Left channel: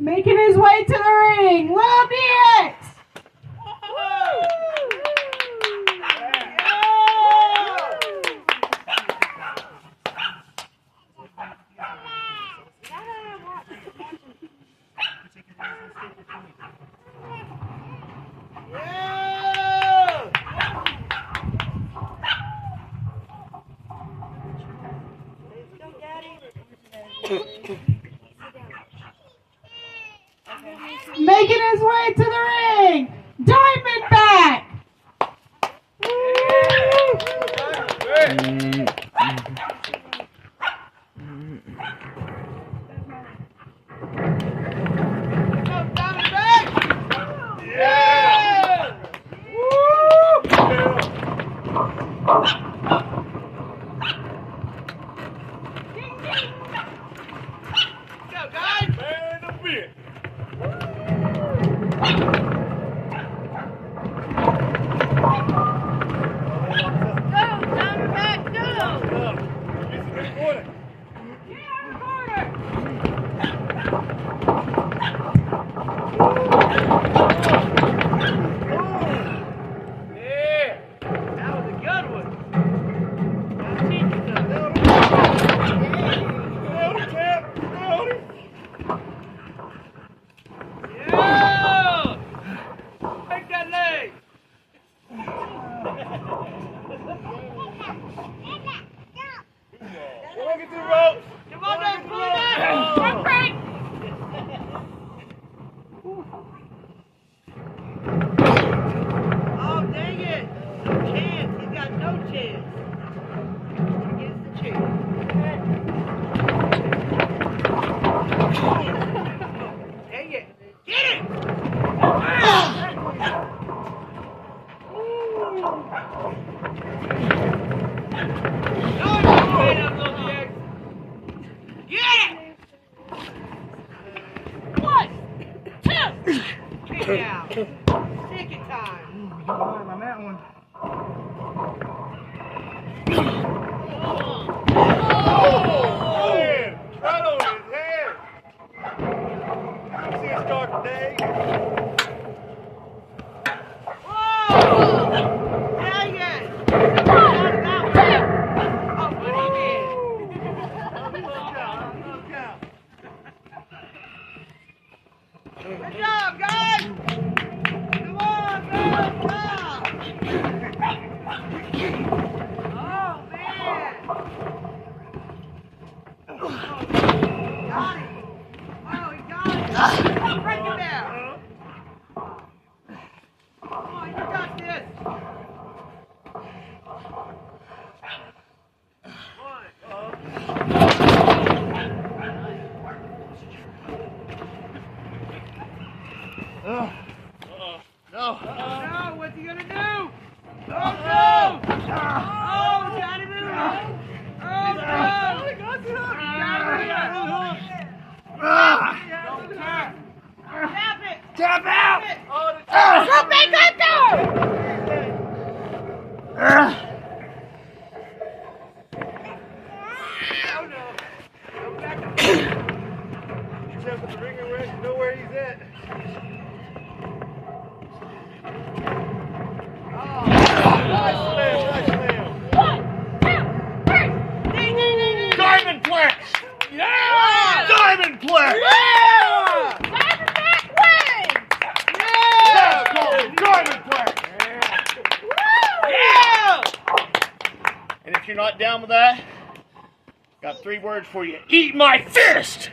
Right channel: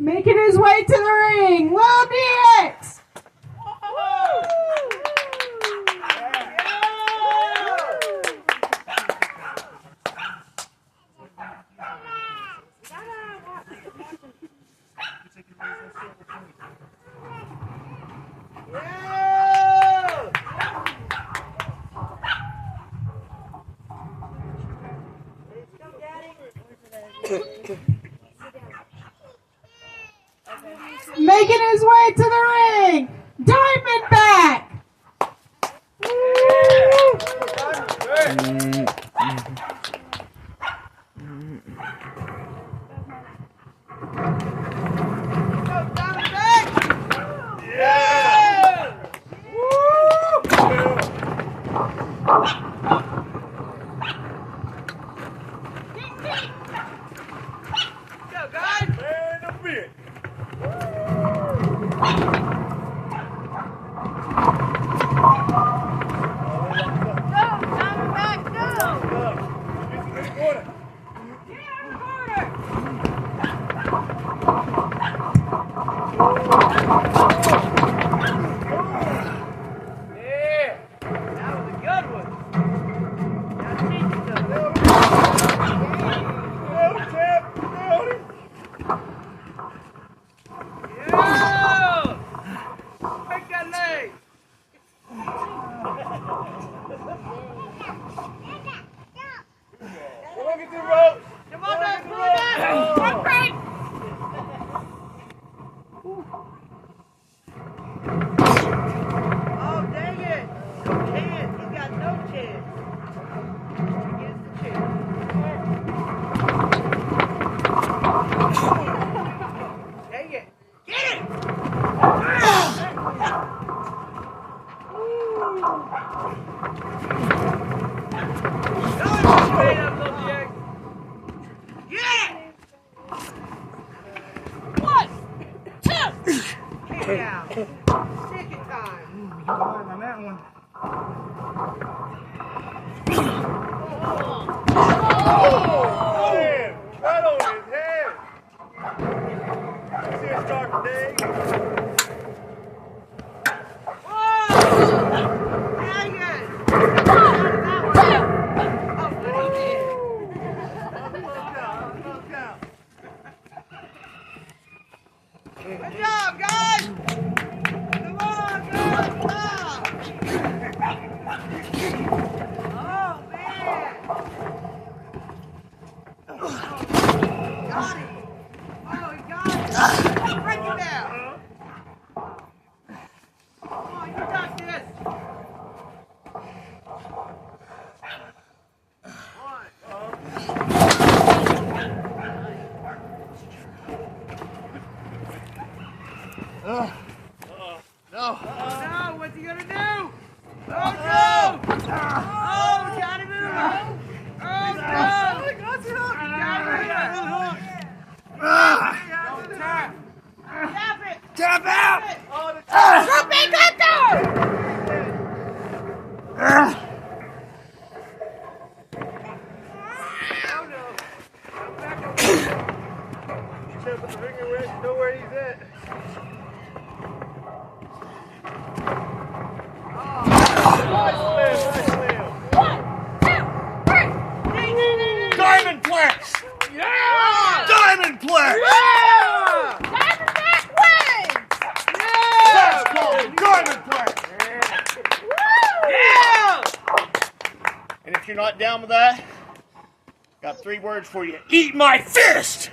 Making his way to the ring, Lil DX. Making his way to the ring, Diamondback. On that one. Right on his head. See it start today. Dang it! Good job, guys! Come on, guys! Oh, man! Got him! Oh, he got it! Break it down! Come on, you got this! No. No, what's he gonna do? Oh, no! Oh, he got it in the row! Oh, tap it! Tap out! Go back that door! Know where he's at. Diamondback! Yeah! Diamondback! Yeah! Diamondback wins! That's called a Diamondback! Yeah! And if you're not down with that, got 3 words for you. Eat my fist!